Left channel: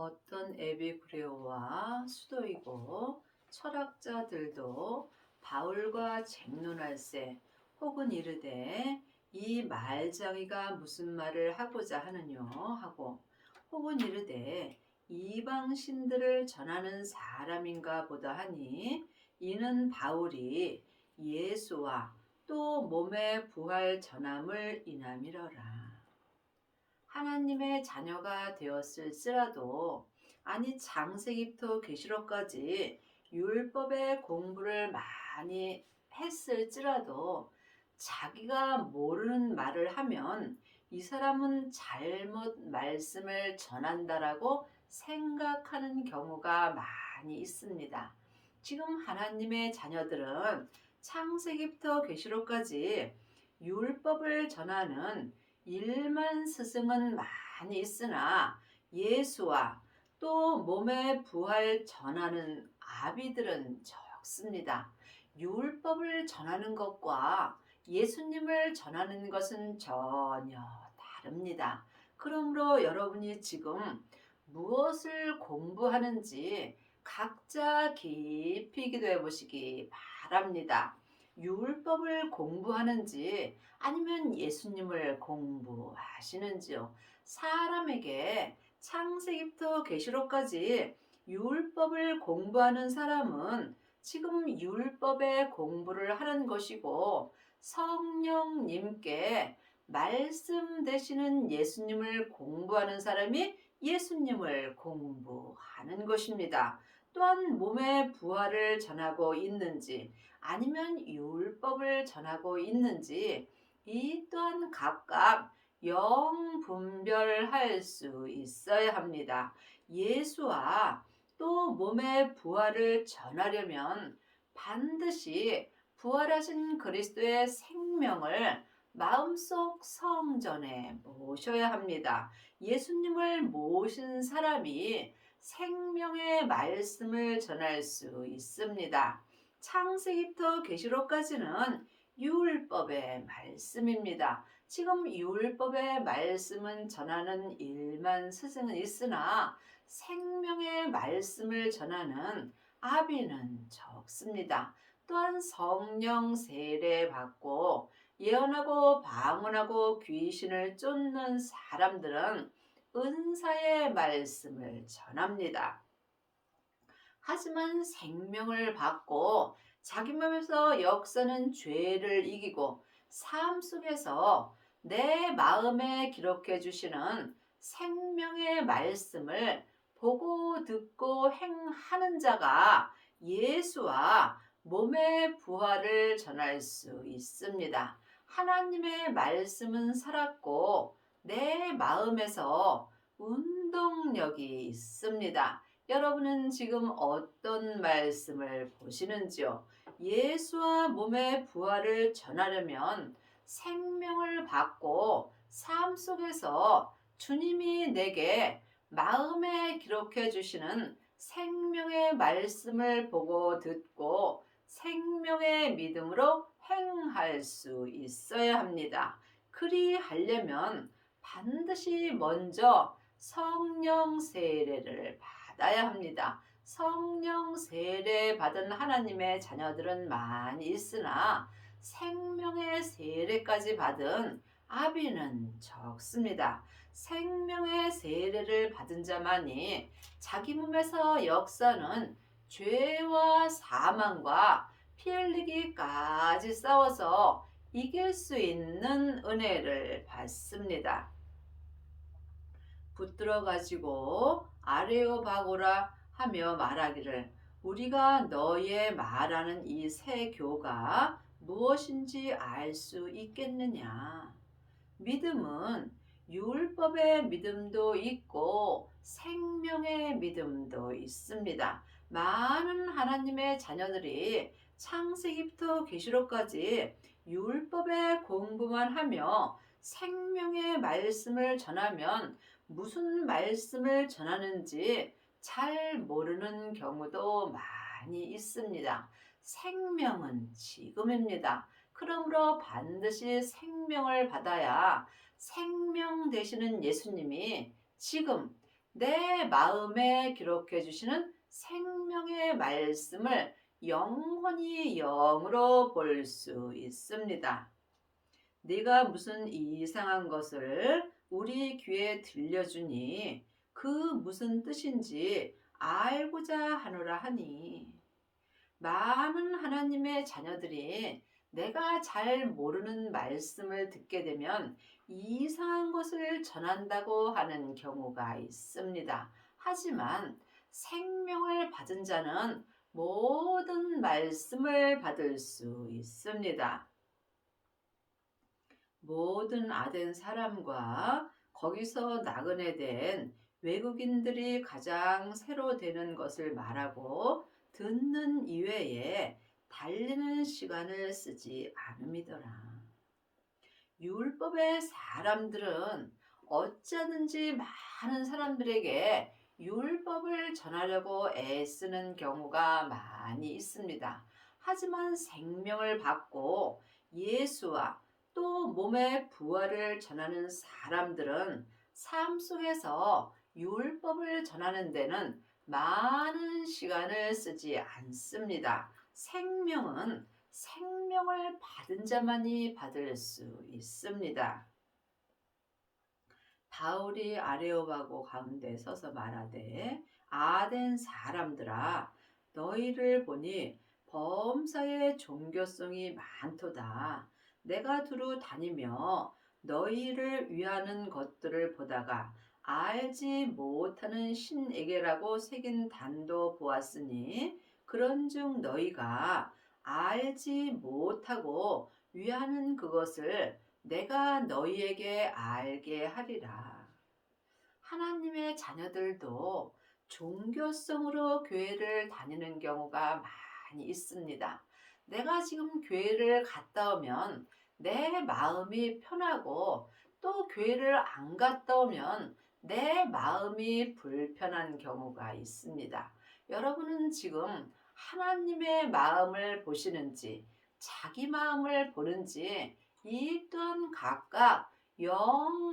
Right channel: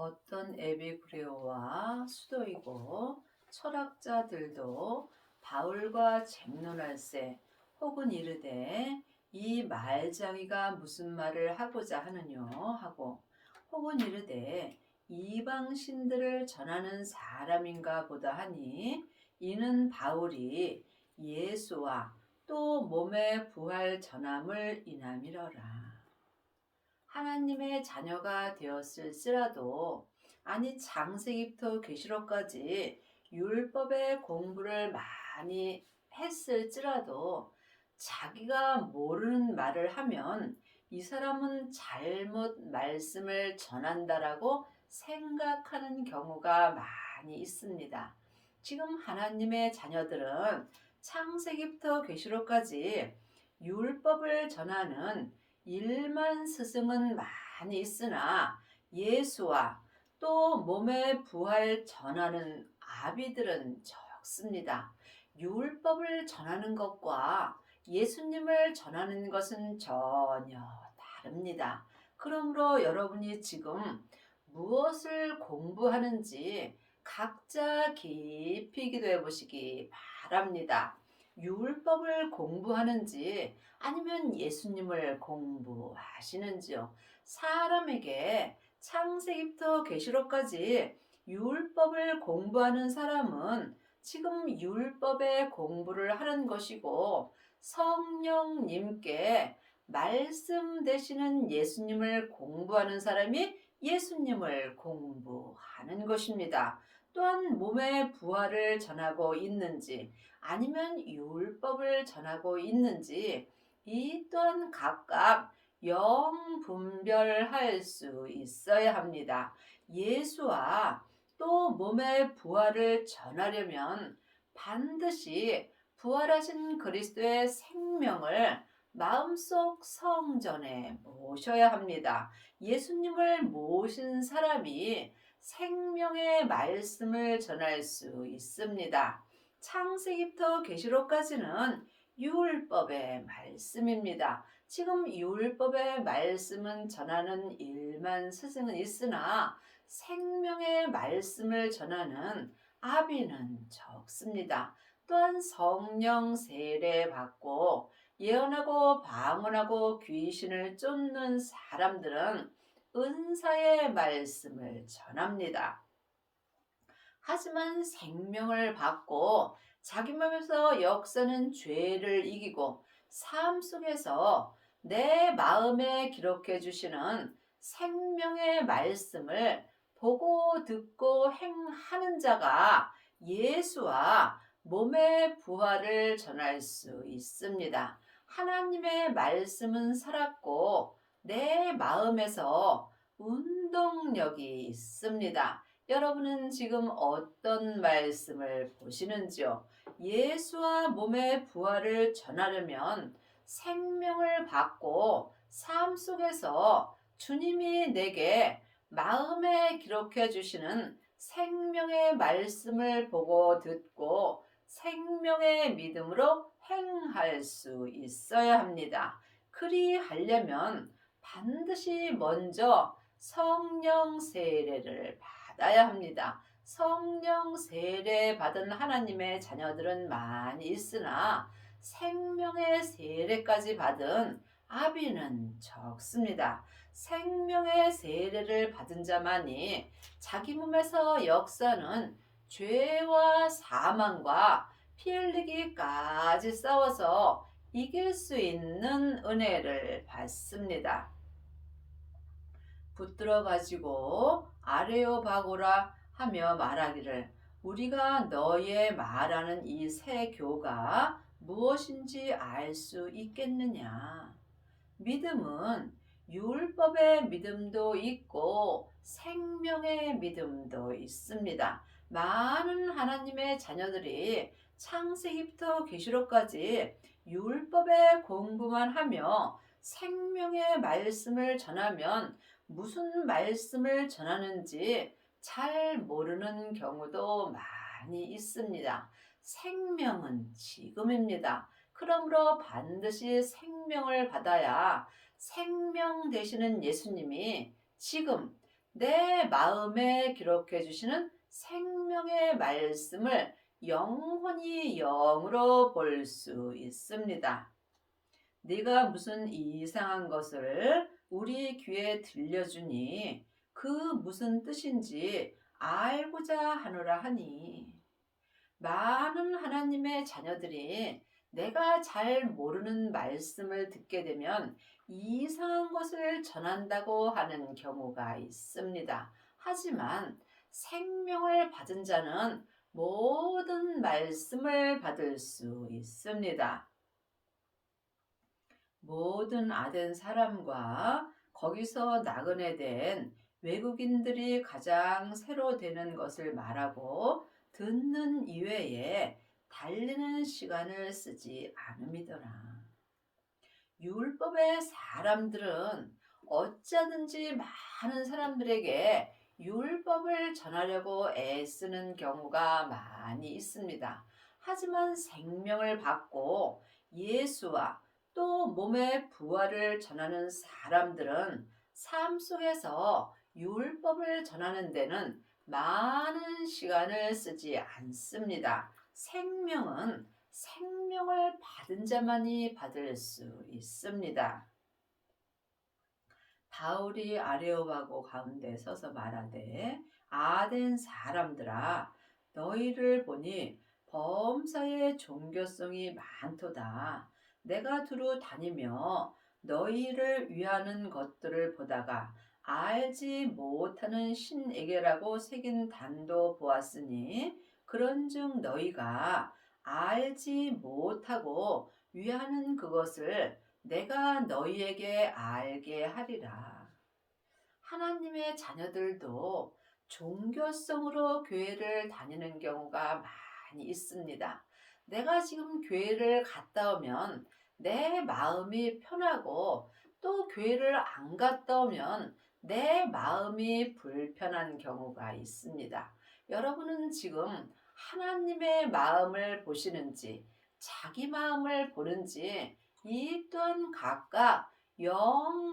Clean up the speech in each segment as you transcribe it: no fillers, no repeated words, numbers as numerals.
어떤 에피쿠레오와 수도이고 철학자들도 바울과 쟁론할세 혹은 이르되 이 말장이가 무슨 말을 하고자 하느뇨 하고 혹은 이르되 이방 신들을 전하는 사람인가 보다 하니 이는 바울이 예수와 또 몸의 부활 전함을 인함이러라. 하나님의 자녀가 되었을지라도 아니 창세기부터 계시록까지 율법의 공부를 많이 했을지라도 자기가 모르는 말을 하면 이 사람은 잘못 말씀을 전한다라고 생각하는 경우가 많이 있습니다. 지금 하나님의 자녀들은 창세기부터 계시록까지 율법을 전하는 일만 스승은 많이 있으나 예수와 또 몸의 부활 전하는 아비들은 적습니다. 율법을 전하는 것과 예수님을 전하는 것은 전혀 다릅니다. 그러므로 여러분이 지금 무엇을 공부하는지 각자 깊이 기도해 보시기 바랍니다. 율법을 공부하는지 아니면 예수님을 공부하시는지요? 사람에게 창세기부터 계시록까지 율법을 공부하는 사람은 지금 율법의 공부를 하는 것이고 성령님께 말씀 되시는 예수님을 공부하는 사람이 예수님을 공부하는 것입니다. 또한 몸의 부활을 전하고 있는지 아니면 율법을 전하고 있는지 이 또한 각각 분별할 수 있어야 합니다. 예수와 또 몸의 부활을 전하려면 반드시 부활하신 그리스도의 생명을 마음속 성전에 모셔야 합니다. 예수님을 모신 사람이 생명의 말씀을 전할 수 있습니다. 창세기부터 계시록까지는 율법의 말씀입니다. 지금 율법의 말씀은 전하는 일만 스승은 있으나 생명의 말씀을 전하는 아비는 적습니다. 또한 성령 세례 받고 예언하고 방언하고 귀신을 쫓는 사람들은 은사의 말씀을 전합니다. 하지만 생명을 받고 자기 몸에서 역사는 죄를 이기고 삶 속에서 내 마음에 기록해 주시는 생명의 말씀을 보고 듣고 행하는 자가 예수와 몸의 부활을 전할 수 있습니다. 하나님의 말씀은 살았고 내 마음에서 운동력이 있습니다. 여러분은 지금 어떤 말씀을 보시는지요? 예수와 몸의 부활을 전하려면 생명을 받고 삶 속에서 주님이 내게 마음에 기록해 주시는 생명의 말씀을 보고 듣고 생명의 믿음으로 행할 수 있어야 합니다. 그리하려면 반드시 먼저 성령 세례를 받아야 합니다. 성령 세례 받은 하나님의 자녀들은 많이 있으나 생명의 세례까지 받은 아비는 적습니다. 생명의 세례를 받은 자만이 자기 몸에서 역사는 죄와 사망과 피 흘리기까지 싸워서 이길 수 있는 은혜를 받습니다. 붙들어 가지고 아레오바고라 하며 말하기를 우리가 너의 말하는 이 새 교가 무엇인지 알 수 있겠느냐. 믿음은 율법의 믿음도 있고 생명의 믿음도 있습니다. 많은 하나님의 자녀들이 창세기부터 계시록까지 율법의 공부만 하며 생명의 말씀을 전하면 무슨 말씀을 전하는지 잘 모르는 경우도 많이 있습니다. 생명은 지금입니다. 그러므로 반드시 생명을 받아야 생명 되시는 예수님이 지금 내 마음에 기록해 주시는 생명의 말씀을 영원히 영으로 볼 수 있습니다. 네가 무슨 이상한 것을 우리 귀에 들려주니 그 무슨 뜻인지 알고자 하노라 하니, 많은 하나님의 자녀들이 내가 잘 모르는 말씀을 듣게 되면 이상한 것을 전한다고 하는 경우가 있습니다. 하지만 생명을 받은 자는 모든 말씀을 받을 수 있습니다. 모든 아덴 사람과 거기서 나그네 된 외국인들이 가장 새로 되는 것을 말하고 듣는 이외에 달리는 시간을 쓰지 않음이더라. 율법의 사람들은 어쩌든지 많은 사람들에게 율법을 전하려고 애쓰는 경우가 많이 있습니다. 하지만 생명을 받고 예수와 또 몸의 부활을 전하는 사람들은 삶 속에서 율법을 전하는 데는 많은 시간을 쓰지 않습니다. 생명을 받은 자만이 받을 수 있습니다. 바울이 아레오바고 가운데 서서 말하되, 아덴 사람들아, 너희를 보니 범사에 종교성이 많도다. 내가 두루 다니며 너희를 위하는 것들을 보다가 알지 못하는 신에게라고 새긴 단도 보았으니, 그런즉 너희가 알지 못하고 위하는 그것을 내가 너희에게 알게 하리라. 하나님의 자녀들도 종교성으로 교회를 다니는 경우가 많이 있습니다. 내가 지금 교회를 갔다 오면 내 마음이 편하고, 또 교회를 안 갔다 오면 내 마음이 불편한 경우가 있습니다. 여러분은 지금 하나님의 마음을 보시는지 자기 마음을 보는지 이 또한 각각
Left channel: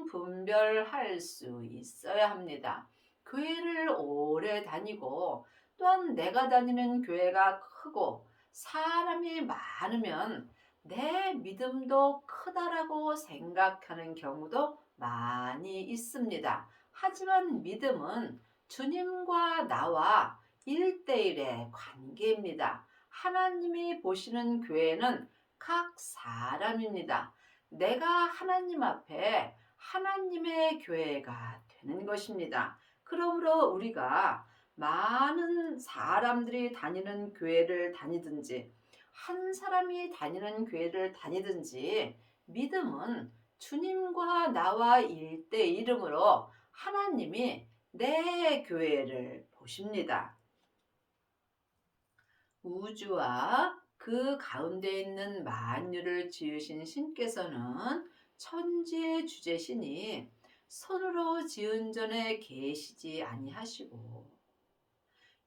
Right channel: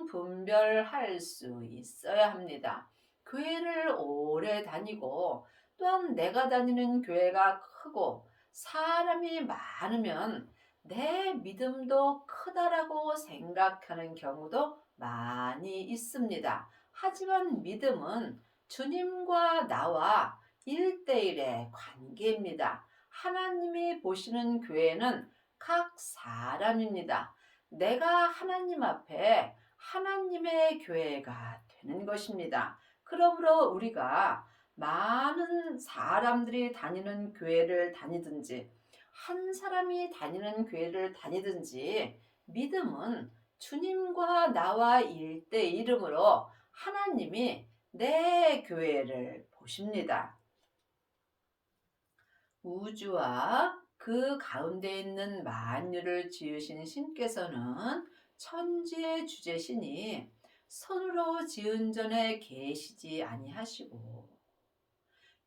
분별할 수 있어야 합니다. 교회를 오래 다니고 또한 내가 다니는 교회가 크고 사람이 많으면 내 믿음도 크다라고 생각하는 경우도 많이 있습니다. 하지만 믿음은 주님과 나와 1대1의 관계입니다. 하나님이 보시는 교회는 각 사람입니다. 내가 하나님 앞에 하나님의 교회가 되는 것입니다. 그러므로 우리가 많은 사람들이 다니는 교회를 다니든지 한 사람이 다니는 교회를 다니든지 믿음은 주님과 나와 1대1으로 하나님이 내 교회를 보십니다. 우주와 그 가운데 있는 만유를 지으신 신께서는 천지의 주제시니 손으로 지은 전에 계시지 아니하시고,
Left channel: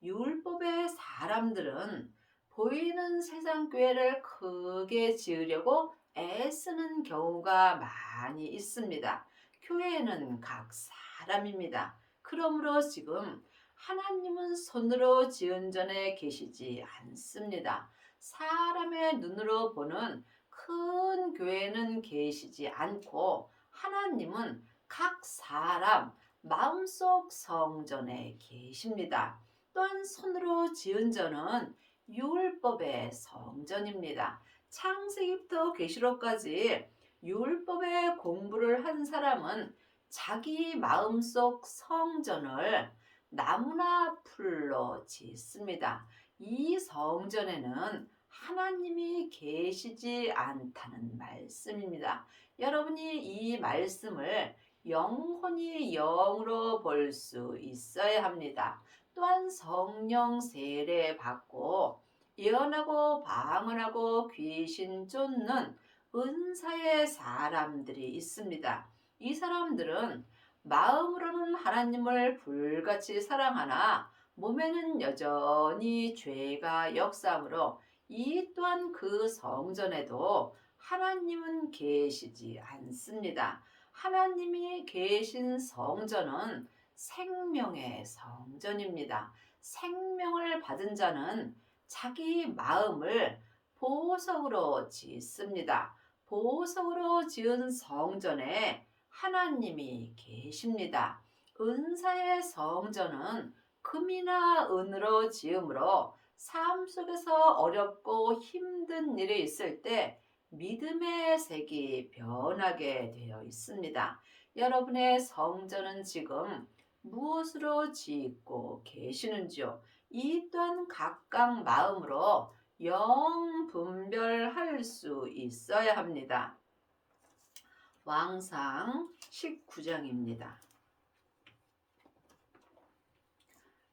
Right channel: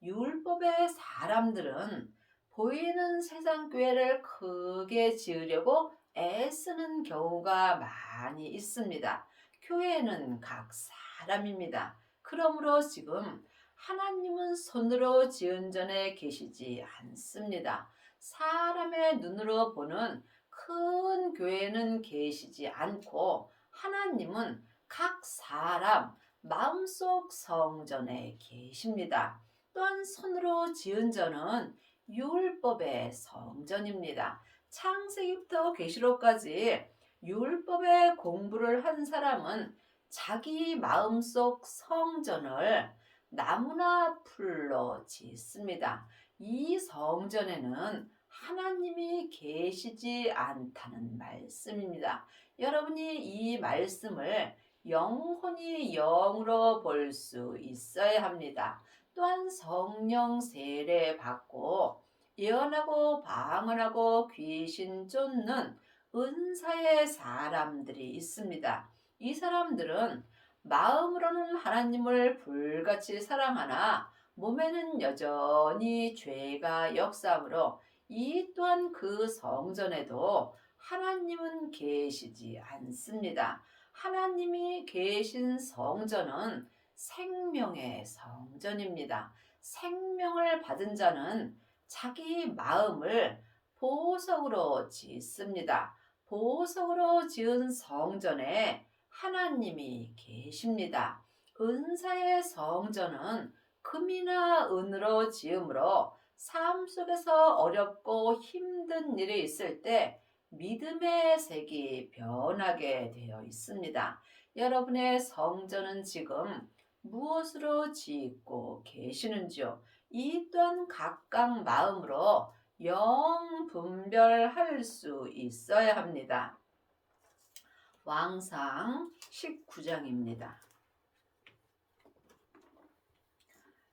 율법의 사람들은 보이는 세상 교회를 크게 지으려고 애쓰는 경우가 많이 있습니다. 교회는 각 사람입니다. 그러므로 지금 하나님은 손으로 지은 전에 계시지 않습니다. 사람의 눈으로 보는 큰 교회는 계시지 않고, 하나님은 각 사람 마음속 성전에 계십니다. 또한 손으로 지은 전은 율법의 성전입니다. 창세기부터 계시록까지 율법의 공부를 한 사람은 자기 마음속 성전을 나무나 풀로 짓습니다. 이 성전에는 하나님이 계시지 않다는 말씀입니다. 여러분이 이 말씀을 영혼이 영으로 볼 수 있어야 합니다. 또한 성령 세례 받고 예언하고 방언하고 귀신 쫓는 은사의 사람들이 있습니다. 이 사람들은 마음으로는 하나님을 불같이 사랑하나 몸에는 여전히 죄가 역사하므로 이 또한 그 성전에도 하나님은 계시지 않습니다. 하나님이 계신 성전은 생명의 성전입니다. 생명을 받은 자는 자기 마음을 보석으로 짓습니다. 보석으로 지은 성전에 하나님이 계십니다. 은사의 성전은 금이나 은으로 지음으로 삶 속에서 어렵고 힘든 일이 있을 때 믿음의 색이 변하게 되어 있습니다. 여러분의 성전은 지금 무엇으로 짓고 계시는지요? 이 또한 각각 마음으로 영 분별할 수 있어야 합니다. 왕상 19장입니다.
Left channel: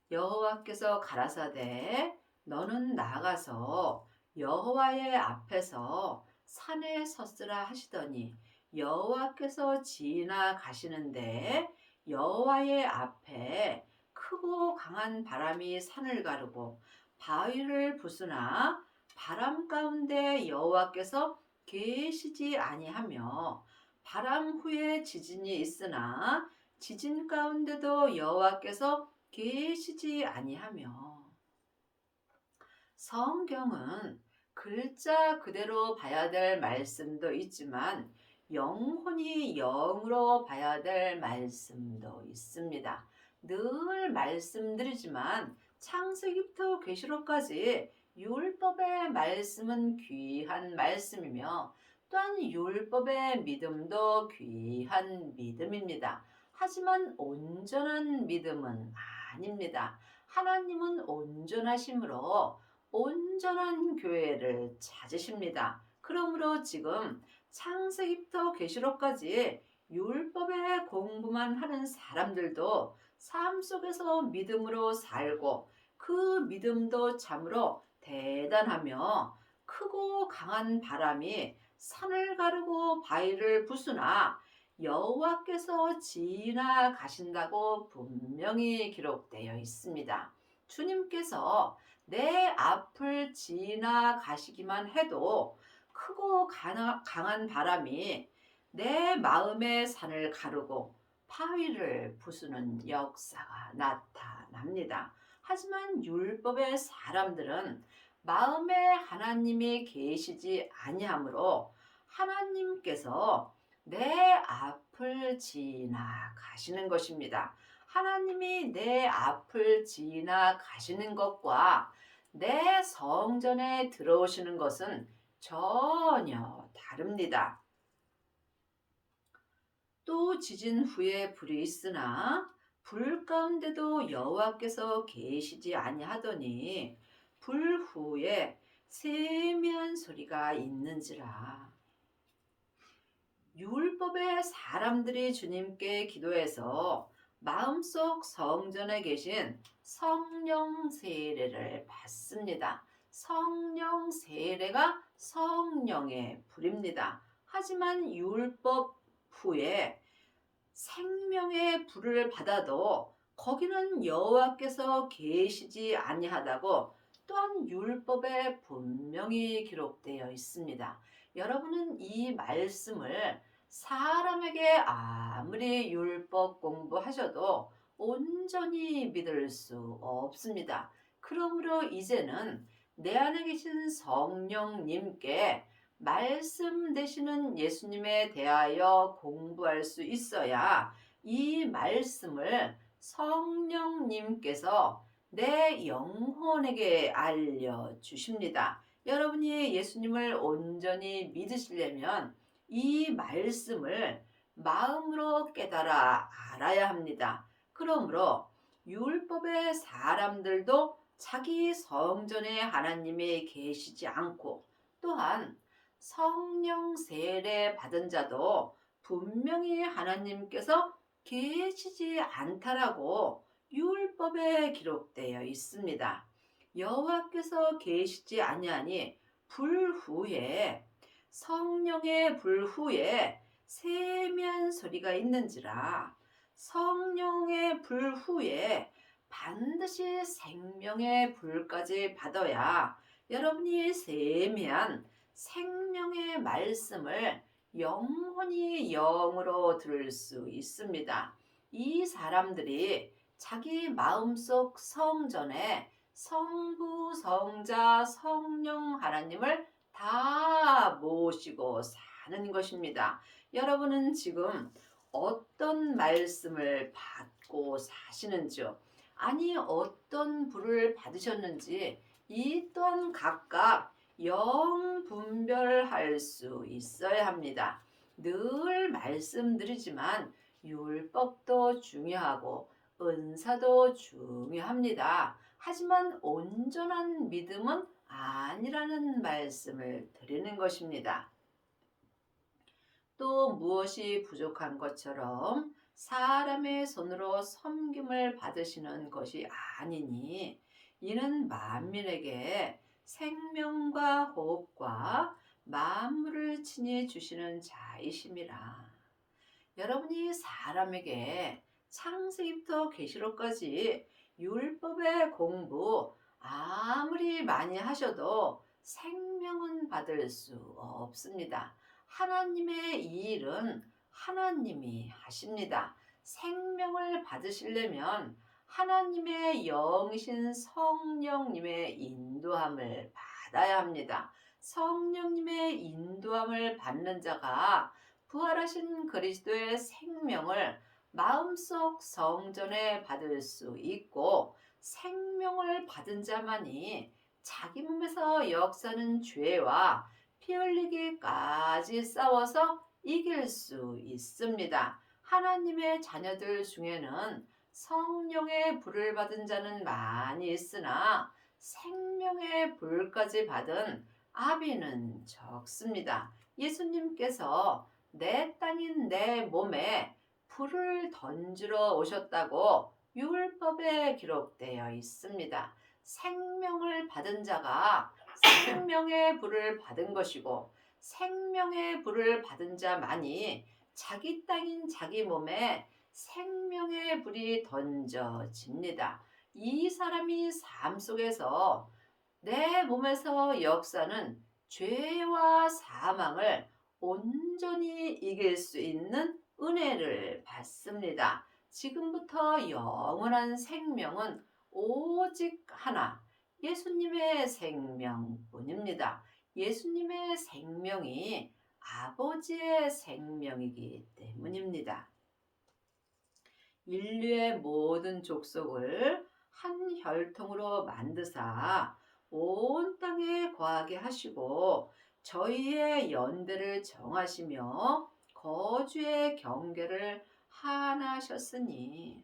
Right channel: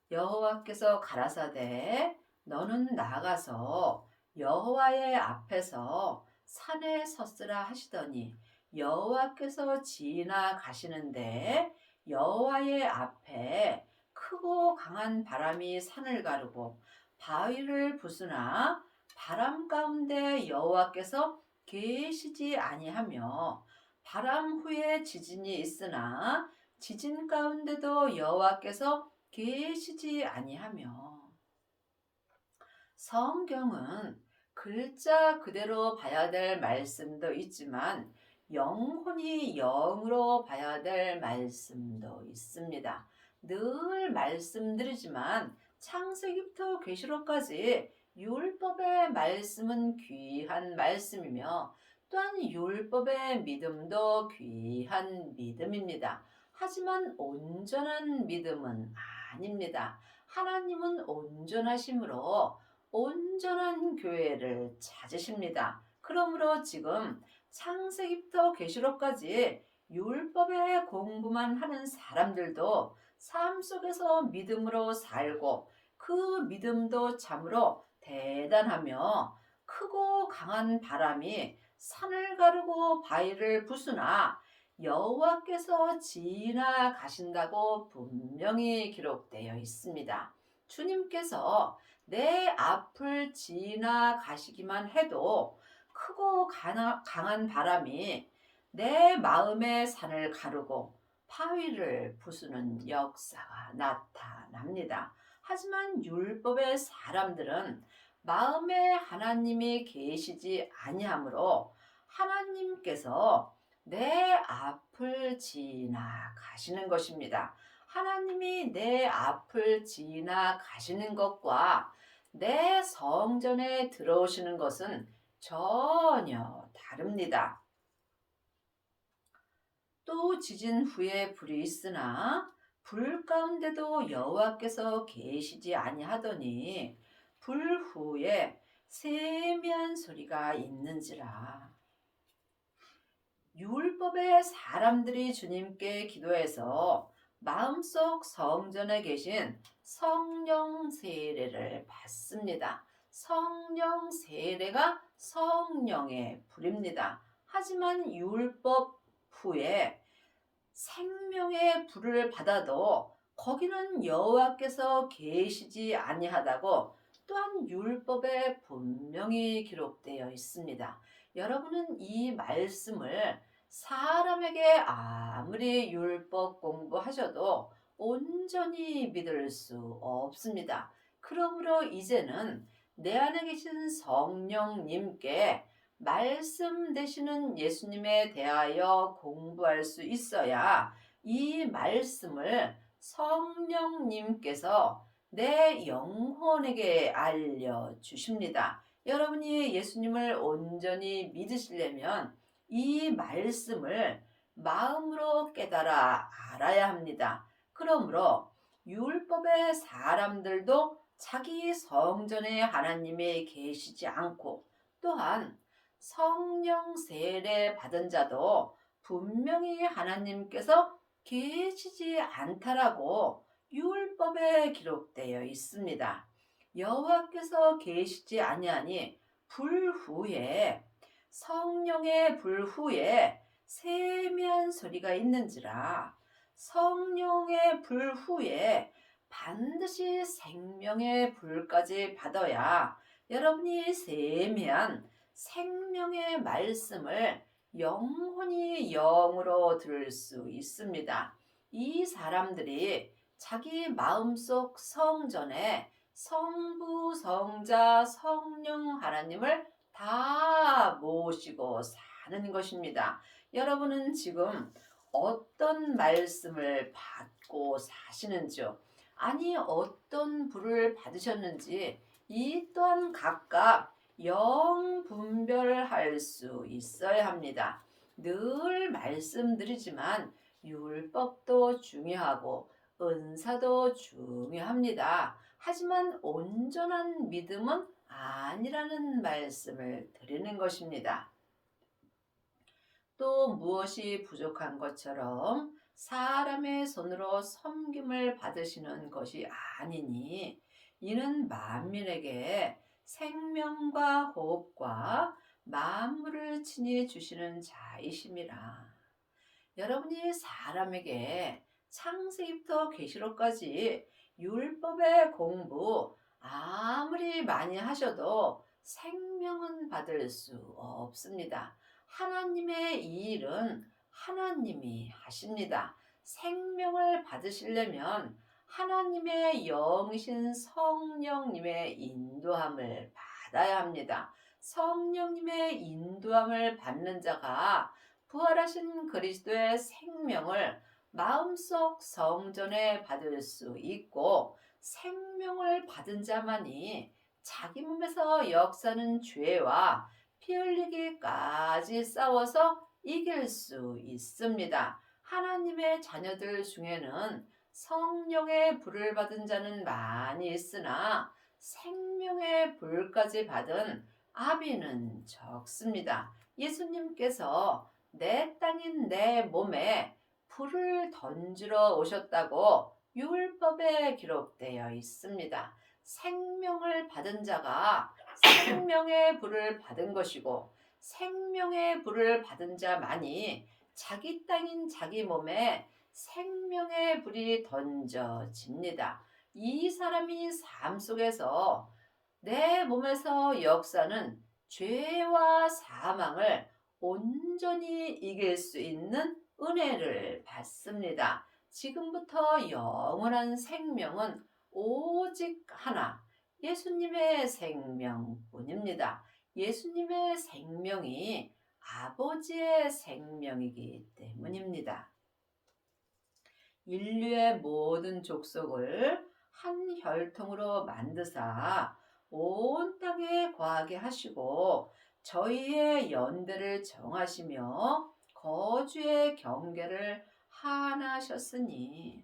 여호와께서 가라사대 너는 나가서 여호와의 앞에서 산에 섰으라 하시더니 여호와께서 지나가시는데 여호와의 앞에 크고 강한 바람이 산을 가르고 바위를 부수나 바람 가운데 여호와께서 계시지 아니하며 바람 후에 지진이 있으나 지진 가운데도 여호와께서 계시지 아니하며. 성경은 글자 그대로 봐야 될 말씀도 있지만 영혼이 영으로 봐야 될 말씀도 있습니다. 늘 말씀드리지만 창세기부터 계시록까지 율법의 말씀은 귀한 말씀이며 또한 율법의 믿음도 귀한 믿음입니다. 하지만 온전한 믿음은 아닙니다. 하나님은 온전하심으로 온전한 교회를 찾으십니다. 그러므로 지금 창세기부터 계시록까지 율법의 공부만 하는 사람들도 삶 속에서 믿음으로 살고 그 믿음도 참으로 대단하며 크고 강한 바람이 산을 가르고 바위를 부수나 여호와께서 지나가신다고 분명히 기록되어 있습니다. 주님께서 내 앞을 지나가시기만 해도 크고 강한 바람이 내 마음의 산을 가르고 바위를 부수는 역사가 나타납니다. 하지만 율법의 사람들은 마음에 하나님이 계시지 아니하므로 하나님께서 내 앞을 지나가시는 것입니다. 하나님이 내 앞을 지나가시는 것과 내 성전에 들어오시는 것은 전혀 다릅니다. 또 지진 후에 불이 있으나 불 가운데도 여호와께서 계시지 아니하더니 불 후에 세미한 소리가 있는지라. 율법의 사람들이 주님께 기도해서 마음속 성전에 계신 성령 세례를 받습니다. 성령 세례가 성령의 불입니다. 하지만 율법 후에 생명의 불을 받아도 거기는 여호와께서 계시지 아니하다고 또한 율법에 분명히 기록되어 있습니다. 여러분은 이 말씀을 사람에게 아무리 율법 공부하셔도 온전히 믿을 수 없습니다. 그러므로 이제는 내 안에 계신 성령님께 말씀 되시는 예수님에 대하여 공부할 수 있어야 이 말씀을 성령님께서 내 영혼에게 알려주십니다. 여러분이 예수님을 온전히 믿으시려면 이 말씀을 마음으로 깨달아 알아야 합니다. 그러므로 율법의 사람들도 자기 성전에 하나님이 계시지 않고 또한 성령 세례 받은 자도 분명히 하나님께서 계시지 않다라고 율법에 기록되어 있습니다. 여호와께서 계시지 아니하니 불 후에 성령의 불 후에 세미한 소리가 있는지라. 성령의 불 후에 반드시 생명의 불까지 받아야 여러분이 세미한 생명의 말씀을 영혼이 영으로 들을 수 있습니다. 이 사람들이 자기 마음속 성전에 성부, 성자, 성령 하나님을 다 모시고 사는 것입니다. 여러분은 지금 어떤 말씀을 받고 사시는지요? 아니 어떤 불을 받으셨는지 이 또한 각각 영 분별할 수 있어야 합니다. 늘 말씀드리지만 율법도 중요하고 은사도 중요합니다. 하지만 온전한 믿음은 아니라는 말씀을 드리는 것입니다. 또 무엇이 부족한 것처럼 사람의 손으로 섬김을 받으시는 것이 아니니 이는 만민에게 생명과 호흡과 만물을 친히 주시는 자이심이라. 여러분이 사람에게 창세기부터 계시록까지 율법의 공부 아무리 많이 하셔도 생명은 받을 수 없습니다. 하나님의 이 일은 하나님이 하십니다. 생명을 받으시려면 하나님의 영이신 성령님의 인도함을 받아야 합니다. 성령님의 인도함을 받는 자가 부활하신 그리스도의 생명을 마음속 성전에 받을 수 있고, 생명을 받은 자만이 자기 몸에서 역사는 죄와 피 흘리기까지 싸워서 이길 수 있습니다. 하나님의 자녀들 중에는 성령의 불을 받은 자는 많이 있으나 생명의 불까지 받은 아비는 적습니다. 예수님께서 내 땅인 내 몸에 불을 던지러 오셨다고 율법에 기록되어 있습니다. 생명을 받은 자가 생명의 불을 받은 것이고, 생명의 불을 받은 자만이 자기 땅인 자기 몸에 생명의 불이 던져집니다. 이 사람이 삶 속에서 내 몸에서 역사는 죄와 사망을 온전히 이길 수 있는 은혜를 받습니다. 지금부터 영원한 생명은 오직 하나, 예수님의 생명뿐입니다. 예수님의 생명이 아버지의 생명이기 때문입니다. 인류의 모든 족속을 한 혈통으로 만드사 온 땅에 거하게 하시고 저희의 연대를 정하시며 거주의 경계를 하나셨으니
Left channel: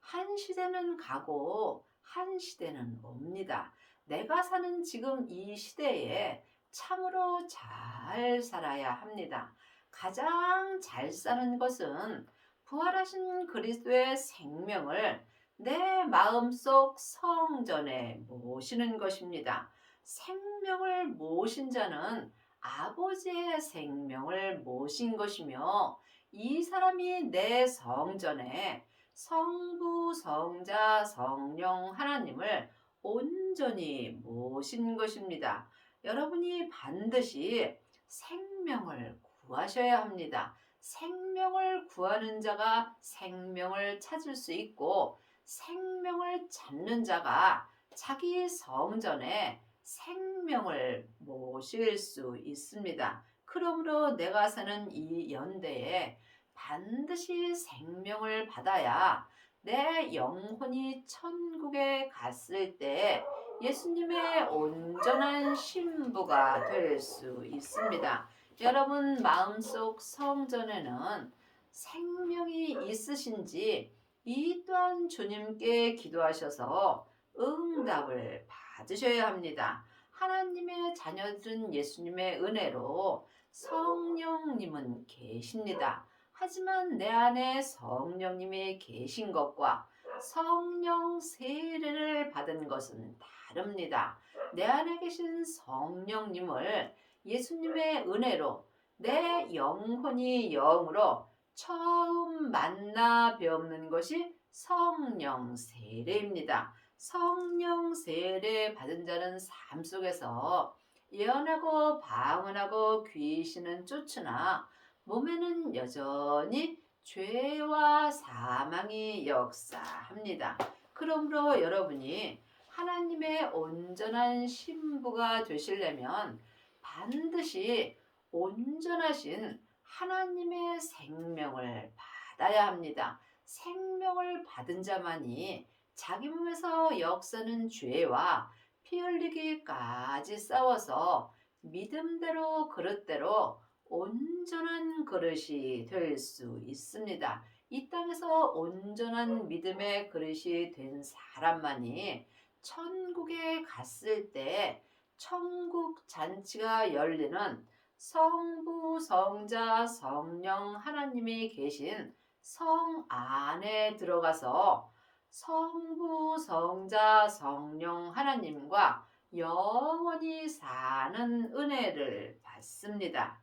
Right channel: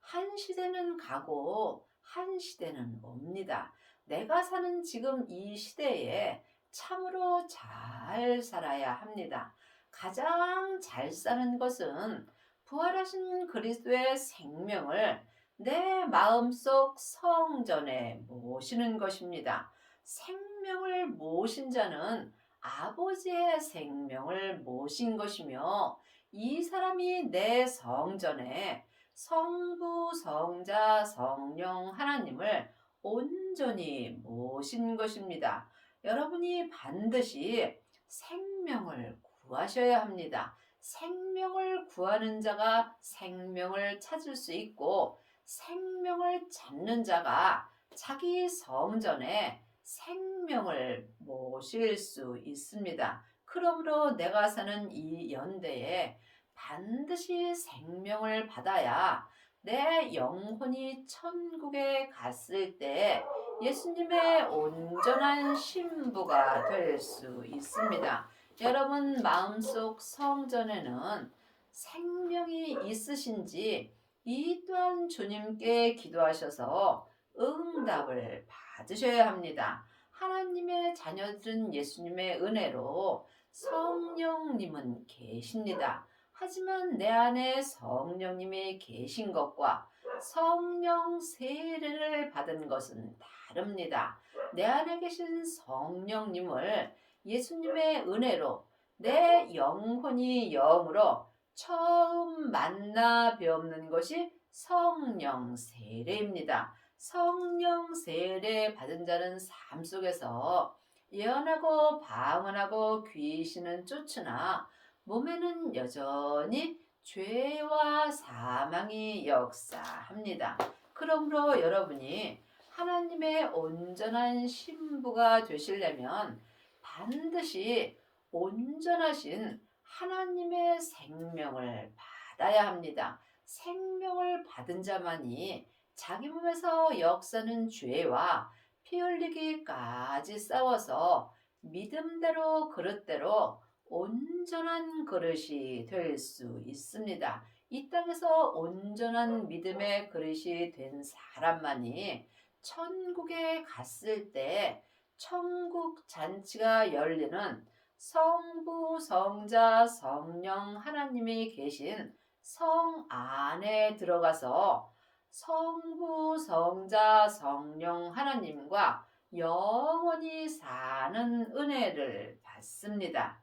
한 시대는 가고 한 시대는 옵니다. 내가 사는 지금 이 시대에 참으로 잘 살아야 합니다. 가장 잘 사는 것은 부활하신 그리스도의 생명을 내 마음속 성전에 모시는 것입니다. 생명을 모신 자는 아버지의 생명을 모신 것이며, 이 사람이 내 성전에 성부, 성자, 성령 하나님을 온전히 모신 것입니다. 여러분이 반드시 생명을 구하셔야 합니다. 생명을 구하는 자가 생명을 찾을 수 있고, 생명을 찾는 자가 자기 성전에 생명을 모실 수 있습니다. 그러므로 내가 사는 이 연대에 반드시 생명을 받아야 내 영혼이 천국에 갔을 때 예수님의 온전한 신부가 될 수 있습니다. 여러분 마음속 성전에는 생명이 있으신지 이 또한 주님께 기도하셔서 응답을 받으셔야 합니다. 하나님의 자녀들은 예수님의 은혜로 성령님은 계십니다. 하지만 내 안에 성령님이 계신 것과 성령 세례를 받은 것은 다릅니다. 내 안에 계신 성령님을 예수님의 은혜로 내 영혼이 영으로 처음 만나 뵙는 것이 성령 세례입니다. 성령 세례 받은 자는 삶 속에서 예언하고 방언하고 귀신은 쫓으나 몸에는 여전히 죄와 사망이 역사합니다. 그러므로 여러분이 하나님의 온전한 신부가 되시려면 반드시 온전하신 하나님의 생명을 받아야 합니다. 생명을 받은 자만이 자기 몸에서 역사는 죄와 피 흘리기까지 싸워서 믿음대로 그릇대로 온전한 그릇이 될 수 있습니다. 이 땅에서 온전한 믿음의 그릇이 된 사람만이 천국에 갔을 때 천국 잔치가 열리는 성부, 성자, 성령 하나님이 계신 성 안에 들어가서 성부, 성자, 성령 하나님과 영원히 사는 은혜를 받습니다.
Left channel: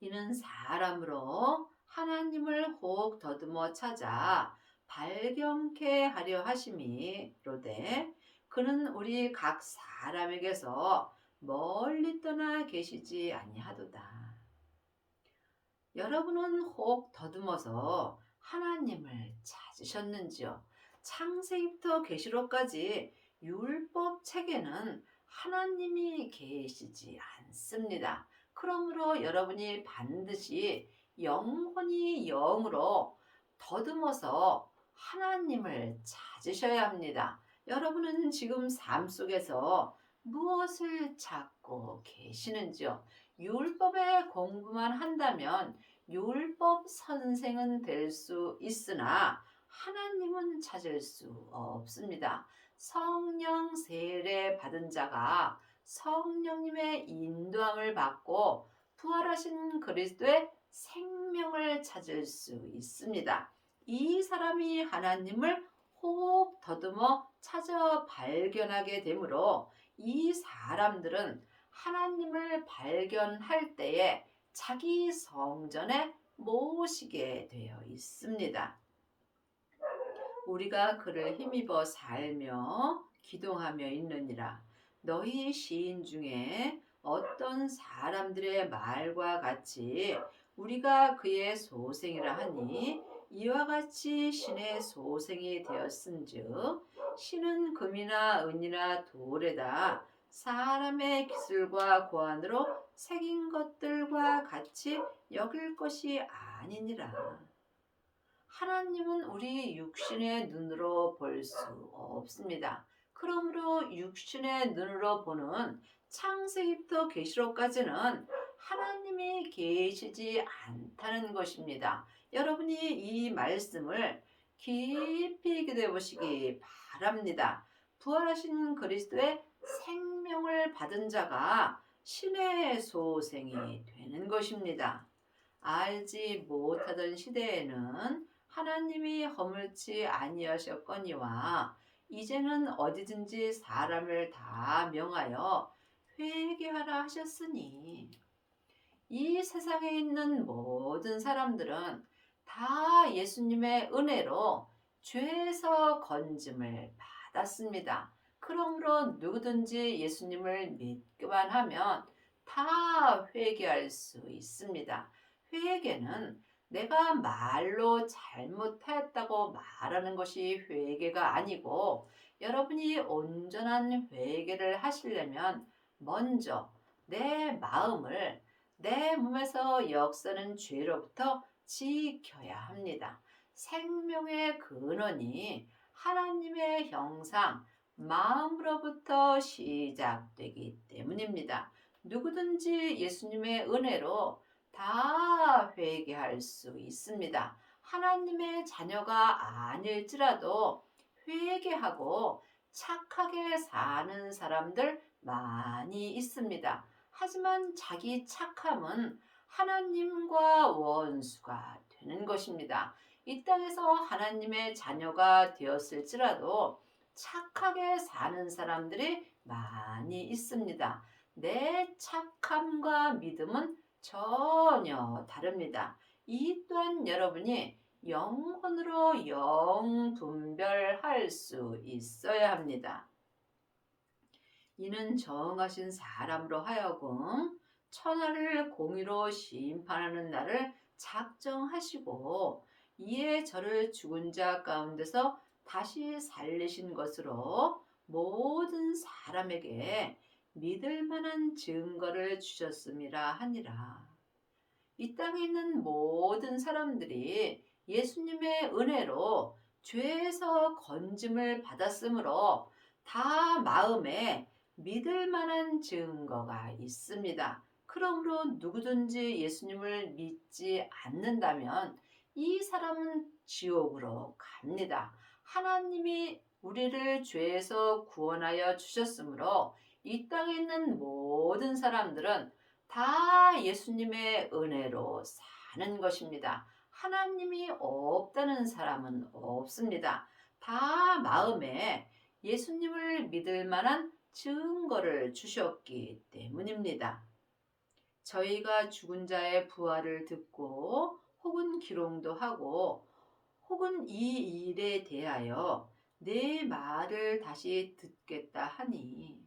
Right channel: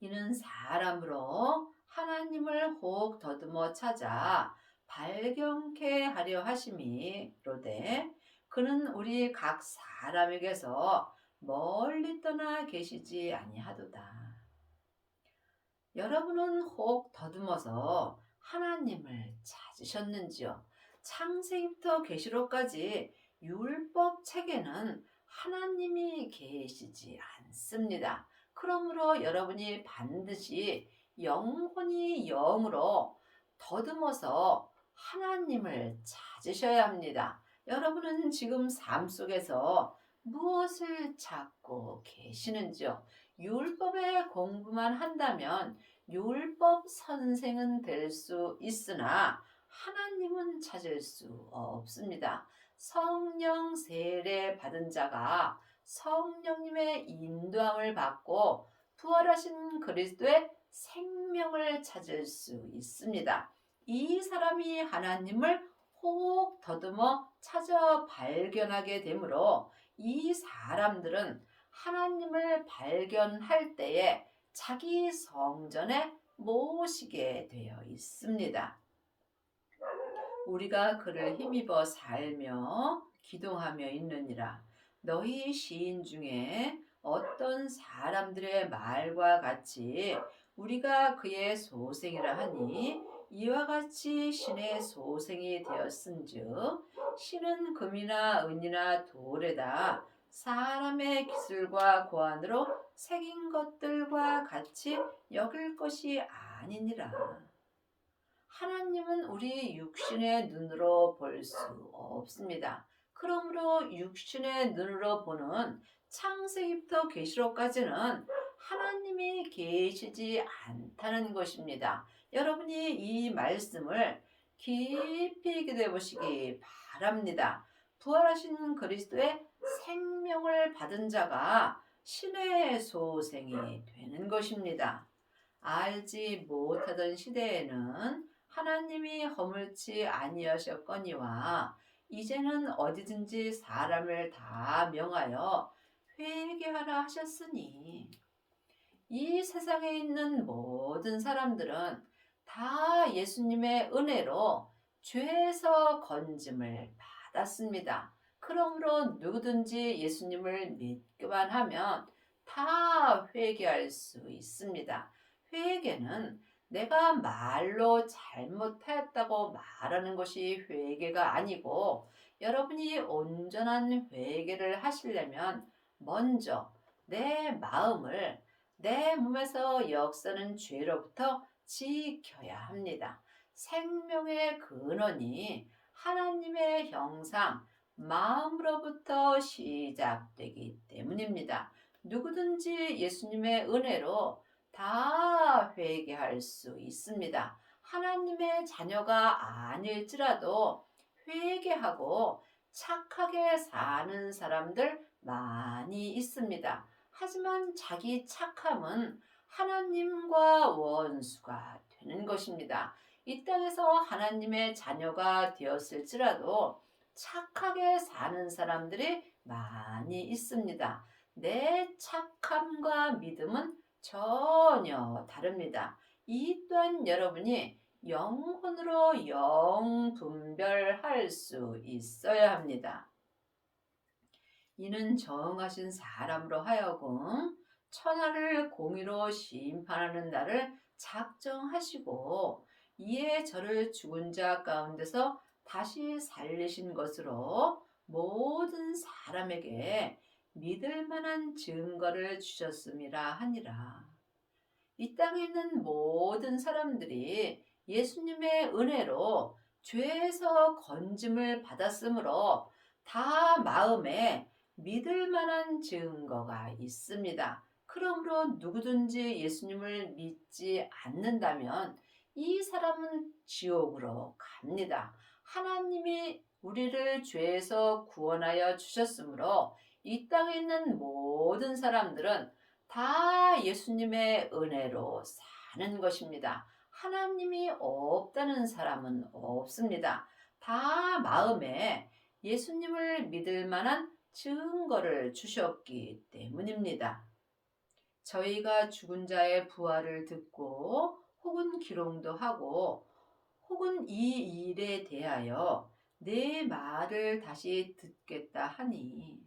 이는 사람으로 하나님을 혹 더듬어 찾아 발견케 하려 하심이로되 그는 우리 각 사람에게서 멀리 떠나 계시지 아니하도다. 여러분은 혹 더듬어서 하나님을 찾으셨는지요? 창세기부터 계시록까지 율법 책에는 하나님이 계시지 않습니다. 그러므로 여러분이 반드시 영혼이 영으로 더듬어서 하나님을 찾으셔야 합니다. 여러분은 지금 삶 속에서 무엇을 찾고 계시는지요? 율법의 공부만 한다면 율법 선생은 될 수 있으나 하나님은 찾을 수 없습니다. 성령 세례 받은 자가 성령님의 인도함을 받고 부활하신 그리스도의 생명을 찾을 수 있습니다. 이 사람이 하나님을 혹 더듬어 찾아 발견하게 되므로 이 사람들은 하나님을 발견할 때에 자기 성전에 모시게 되어 있습니다. 우리가 그를 힘입어 살며 기동하며 있느니라. 너희 시인 중에 어떤 사람들의 말과 같이 우리가 그의 소생이라 하니 이와 같이 신의 소생이 되었은즉 신은 금이나 은이나 돌에다 사람의 기술과 고안으로 새긴 것들과 같이 여길 것이 아니니라. 하나님은 우리 육신의 눈으로 볼 수 없습니다. 그러므로 육신의 눈으로 보는 창세기부터 계시록까지는 하나님이 계시지 않다는 것입니다. 여러분이 이 말씀을 깊이 기도해 보시기 바랍니다. 부활하신 그리스도의 생명을 받은 자가 신의 소생이 되는 것입니다. 알지 못하던 시대에는 하나님이 허물지 아니하셨거니와 이제는 어디든지 사람을 다 명하여 회개하라 하셨으니 이 세상에 있는 모든 사람들은 다 예수님의 은혜로 죄에서 건짐을 받았습니다. 그러므로 누구든지 예수님을 믿기만 하면 다 회개할 수 있습니다. 회개는 내가 말로 잘못하였다고 말하는 것이 회개가 아니고 여러분이 온전한 회개를 하시려면 먼저 내 마음을 내 몸에서 역사는 죄로부터 지켜야 합니다. 생명의 근원이 하나님의 형상, 마음으로부터 시작되기 때문입니다. 누구든지 예수님의 은혜로 다 회개할 수 있습니다. 하나님의 자녀가 아닐지라도 회개하고 착하게 사는 사람들 많이 있습니다. 하지만 자기 착함은 하나님과 원수가 되는 것입니다. 이 땅에서 하나님의 자녀가 되었을지라도 착하게 사는 사람들이 많이 있습니다. 내 착함과 믿음은 전혀 다릅니다. 이 또한 여러분이 영혼으로 영분별할 수 있어야 합니다. 이는 정하신 사람으로 하여금 천하를 공의로 심판하는 날을 작정하시고 이에 저를 죽은 자 가운데서 다시 살리신 것으로 모든 사람에게 믿을 만한 증거를 주셨음이라 하니라. 이 땅에 있는 모든 사람들이 예수님의 은혜로 죄에서 건짐을 받았으므로 다 마음에 믿을 만한 증거가 있습니다. 그러므로 누구든지 예수님을 믿지 않는다면 이 사람은 지옥으로 갑니다. 하나님이 우리를 죄에서 구원하여 주셨으므로 이 땅에 있는 모든 사람들은 다 예수님의 은혜로 사는 것입니다. 하나님이 없다는 사람은 없습니다. 다 마음에 예수님을 믿을 만한 증거를 주셨기 때문입니다. 저희가 죽은 자의 부활을 듣고 혹은 기롱도 하고 혹은 이 일에 대하여 내 말을 다시 듣겠다 하니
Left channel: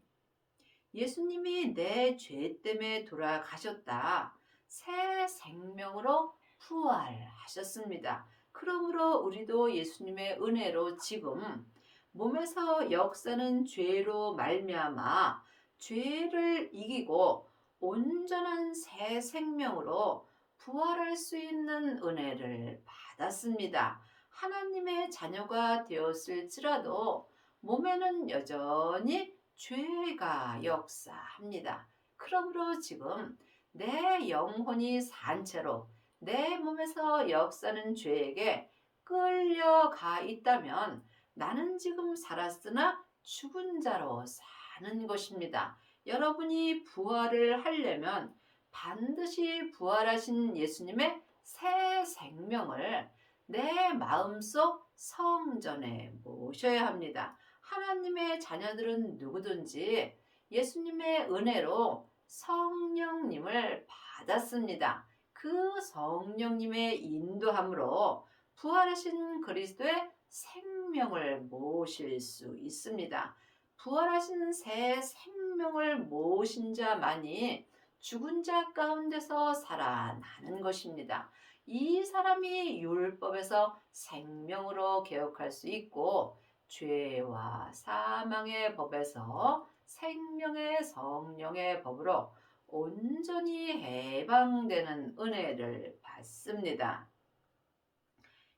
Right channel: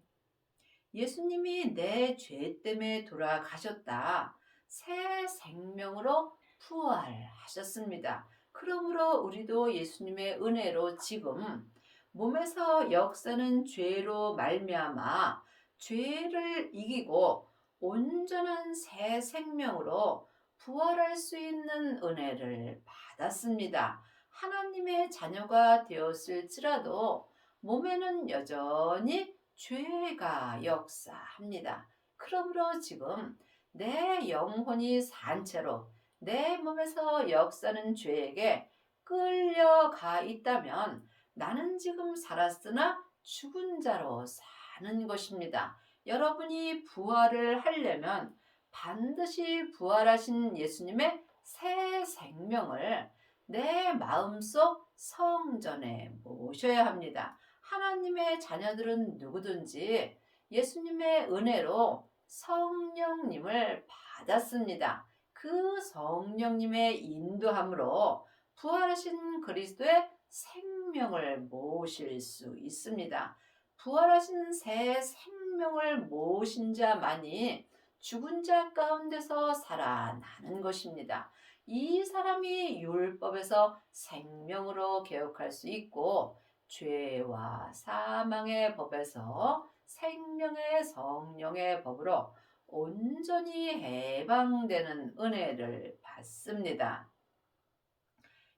예수님이 내 죄 때문에 돌아가셨다. 새 생명으로 부활하셨습니다. 그러므로 우리도 예수님의 은혜로 지금 몸에서 역사는 죄로 말미암아 죄를 이기고 온전한 새 생명으로 부활할 수 있는 은혜를 받았습니다. 하나님의 자녀가 되었을지라도 몸에는 여전히 죄가 역사합니다. 그러므로 지금 내 영혼이 산 채로 내 몸에서 역사는 죄에게 끌려가 있다면 나는 지금 살았으나 죽은 자로 사는 것입니다. 여러분이 부활을 하려면 반드시 부활하신 예수님의 새 생명을 내 마음속 성전에 모셔야 합니다. 하나님의 자녀들은 누구든지 예수님의 은혜로 성령님을 받았습니다. 그 성령님의 인도함으로 부활하신 그리스도의 생명을 모실 수 있습니다. 부활하신 새 생명을 모신 자만이 죽은 자 가운데서 살아나는 것입니다. 이 사람이 율법에서 생명으로 개혁할 수 있고 죄와 사망의 법에서 생명의 성령의 법으로 온전히 해방되는 은혜를 받습니다.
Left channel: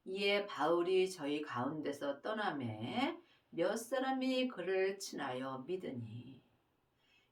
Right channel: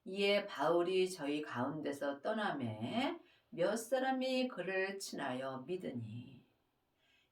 이에 바울이 저희 가운데서 떠나매 몇 사람이 그를 친하여 믿으니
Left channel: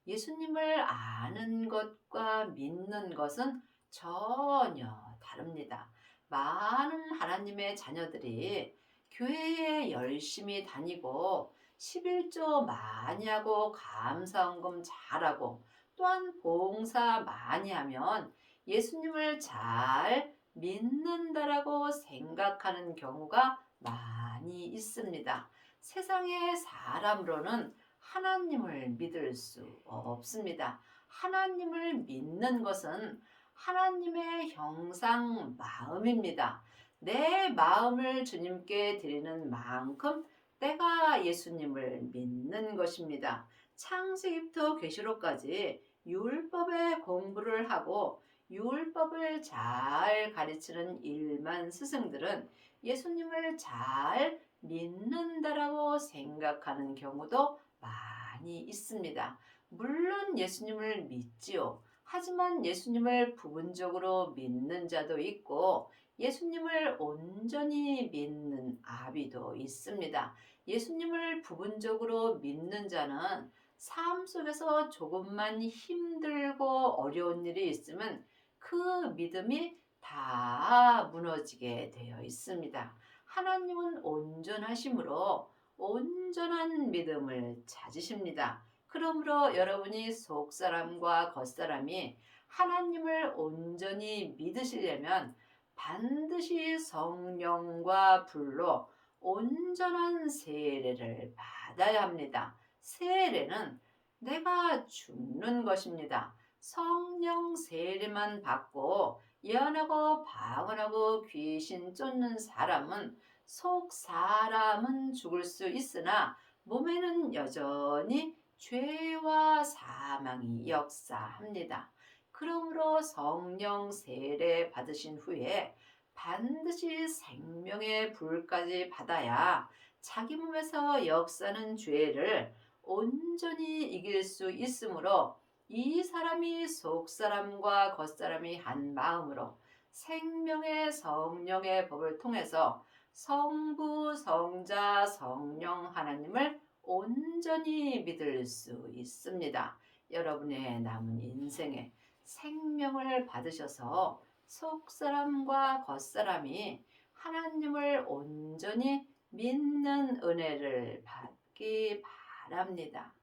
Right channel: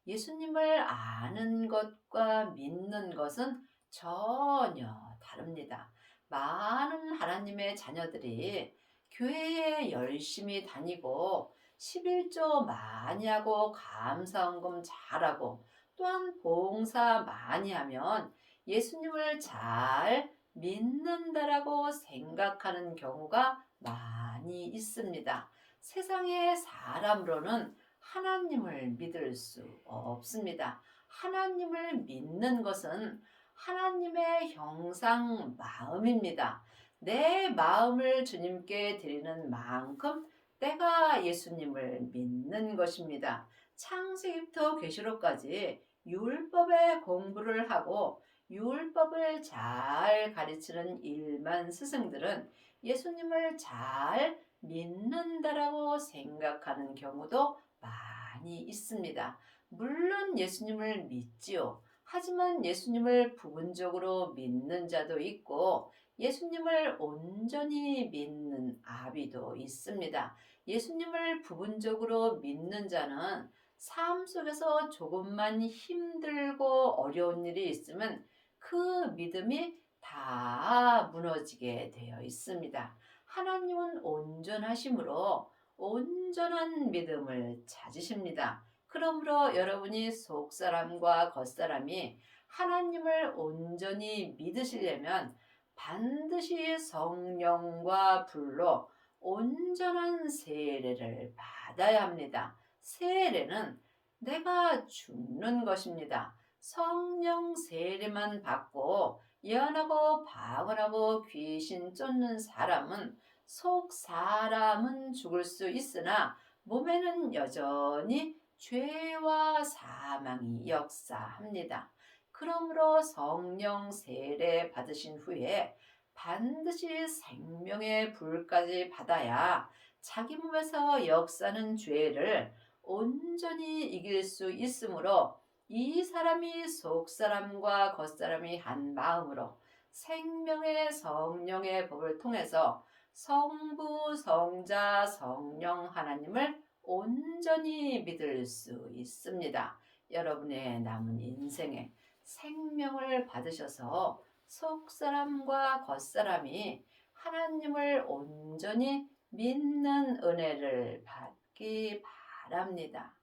예수님을 아는 것과 믿는 것은 전혀 다릅니다. 많은 하나님의 자녀들이 교회에 열심히 다니고 11조 많이 하고 감사헌금 잘하고 또한 봉사 많이 하면 예수님을 잘 믿는다라고 생각하는 경우가 많이 있습니다. 세상의 사람으로는 하나님을 믿을 수 없습니다. 하나님을 믿는 것은 하나님의 형상 마음입니다. 내 마음을 주님께 드리는 만큼 내가 예수님을 믿는 것입니다. 창세기부터 계시록까지 율법의 공부를 하고 율법을 잘 가르치는 일만 스승들은 예수님을 잘 믿는다라고 생각하는 경우도 많이 있습니다. 물론 예수님을 믿지요. 하지만 예수님을 부분적으로 믿는 자도 있고 예수님을 온전히 믿는 아비도 있습니다. 예수님을 부분적으로 믿는 자는 삶 속에서 조금만 힘들고 어려운 일이 있으면 그 믿음이 다 무너지게 되어 있습니다. 하나님은 온전하심으로 온전한 믿음을 찾으십니다. 그러므로 여러분이 속사람과 겉사람이 하나님을 온전히 믿으시려면 반드시 성령과 불로 온전한 세례를 받아야 합니다. 세례는 내가 죽는 것입니다. 성령 세례만 받고 예언하고 방언하고 귀신 쫓는 사람은 속 사람은 죽을 수 있으나 몸에는 여전히 죄와 사망이 역사합니다. 그러므로 성령 세례 받으신 후에 반드시 생명의 불까지 받아야 자기 몸에서 역사는 죄를 온전히 이길 수 있으므로 이 사람이 속사람과 겉사람이 한 마음으로 생명의 성령의 법을 통해서 성부, 성자, 성령 하나님을 온전히 믿을 수 있습니다. 여러분의 남은 인생에 생명을 받으셔서 속사람과 겉사람이 하나님을 온전히 믿는 은혜를 받기 바랍니다.